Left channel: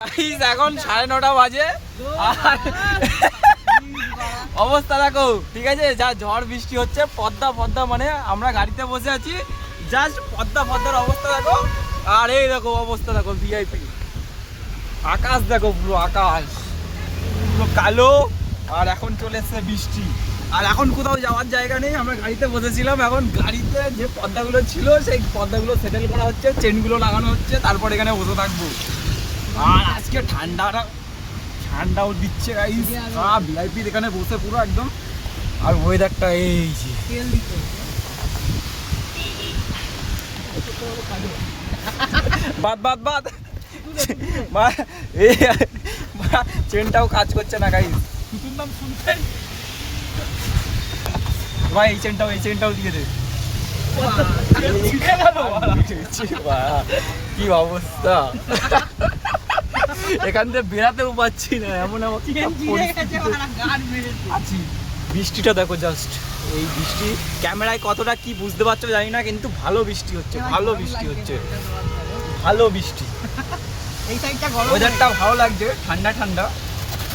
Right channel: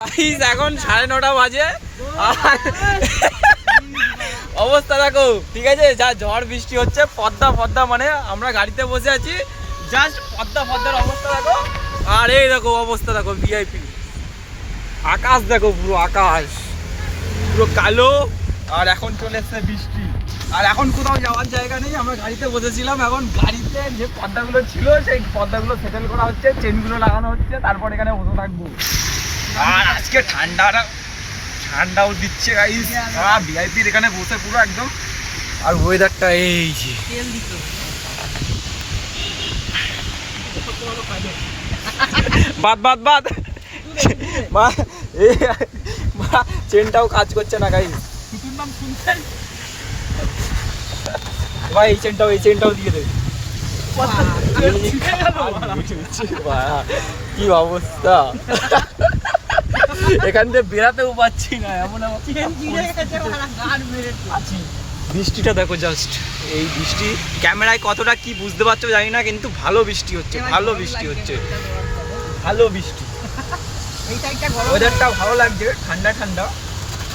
এখন 9:30 বাজে অবস্থা দেখো, ঠিক আছে? যা ঝড় বৃষ্টি হচ্ছে, পদ্মা পদ্মা মানে আমরা গাড়িতে বসে আছি, জাস্ট পদ্মা পদ্মার অবস্থা দেখো। আর এই দেখো অবস্থা দেখো, ভিআইপি আকাশ দেখো, পুরো আকাশ পুরো কালো। আর এখন চলে এসছে বৃষ্টি, আর এখন কোথাও যাওয়ার জায়গা নেই। আমরা গাড়িতে বসেছিলাম, এখন গাড়িতে যে পদ্মাগুলো ছিল সেই পদ্মাগুলো সেটেল করা হচ্ছে, চেনগুলো লাগানো হচ্ছে, তারপর এখানে বসে থাকবো। আর আজকে ঠান্ডাও দিচ্ছে গাইস, ভিআইপির এখানে বসে পুরো একদম। আর ওয়েদারটা এই যে বাদ চেনটাও কাজ করছে না গাইস। ভাই এই চেনটাও দিয়ে দে। কি অবস্থা, এখান থেকে বেরাতেও পাচ্ছি না, এমন বৃষ্টিটা দেখো জাস্ট। এই বৃষ্টি ক্যামেরায় কতটা কি বুঝতে পারছো জানি না, কিন্তু ভালো বৃষ্টি হচ্ছে, ভালো বৃষ্টি। ওয়েদারটা ভালো লাগছে, ঠান্ডা ঠান্ডা,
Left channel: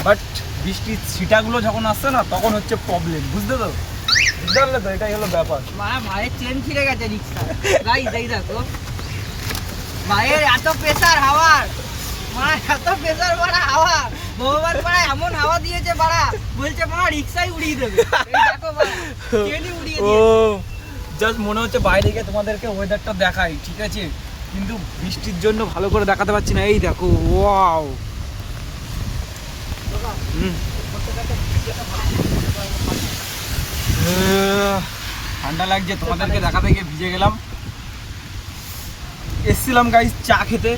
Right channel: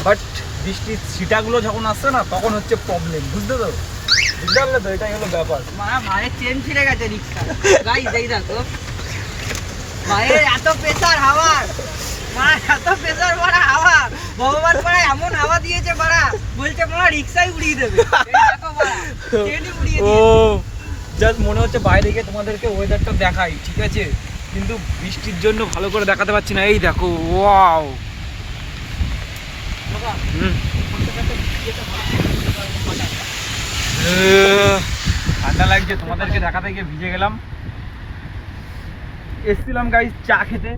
বাট বৃষ্টির ছিটাগুলো যখন আসছে না তখন হচ্ছে প্রবলেম, বুঝতে পারলে তো? এটাই হলো ব্যাপার। ভাইয়ের চেন ছিঁড়ে গেছে রিক্সা, গাইস এই দেখো ভাইয়ের এত প্রেসার হাওয়ার, এত প্রেসার বাড়া হাওয়া, ভগবান পাড়া এমন হাওয়া দিয়েছে বাড়া, বলছে বাড়া রিক্সাই উড়িয়ে দেবে। ও জাস্ট মনে হচ্ছে বাইরে গিয়ে তোমাদেরকে ওয়েদারটা দেখাই, ঠিক আছে? কিন্তু বৃষ্টির জন্য ভালো করে দেখাতে পারছি না। এই দেখো, ওয়াও, ঠান্ডা লাগছে, তোমাদেরকে দেখাতে গিয়ে ভিজে গেলাম। এসছিলাম গাইস চা খেতে,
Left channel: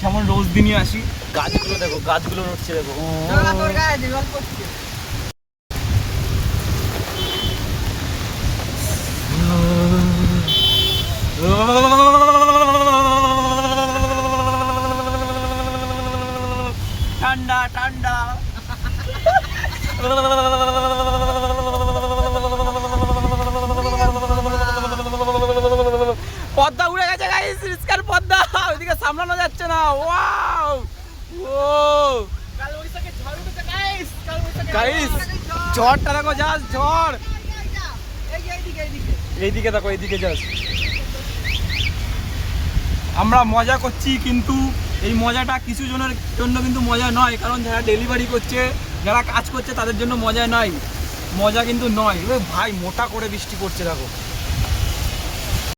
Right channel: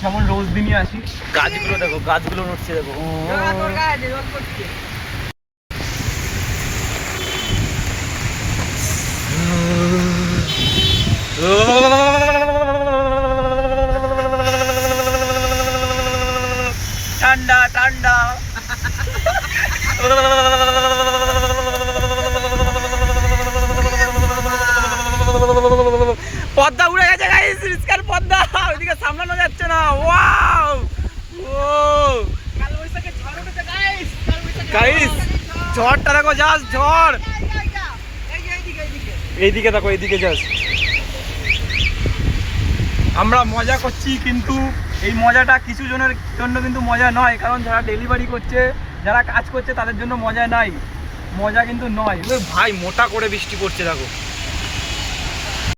যেমন রোজ দিনই আসি। গাছগুলো দেখো, গাছগুলো নড়ছে দেখো। ঠান্ডা ঠান্ডা পদ্মা উড়ে গেছে গাইস, রিস্কার পদ্মা, ওইদিকে সামলানো যাচ্ছে না। ওয়াও, ও গাইস ঝড়টা দেখো, জাস্ট ঝড়। এইদিকে দেখো, এইদিকে জাস্ট আমরা মজা করছি, কিন্তু এই মজাটা কিছু জনের জন্য কিন্তু মজা নয়, কারণ যারা ডেলিভারি করছে, যারা কাজ করছে তাদের জন্য মজা নয়, মজা কিন্তু নয়। ভাই মোটা করে বৃষ্টি পড়ছে দেখো।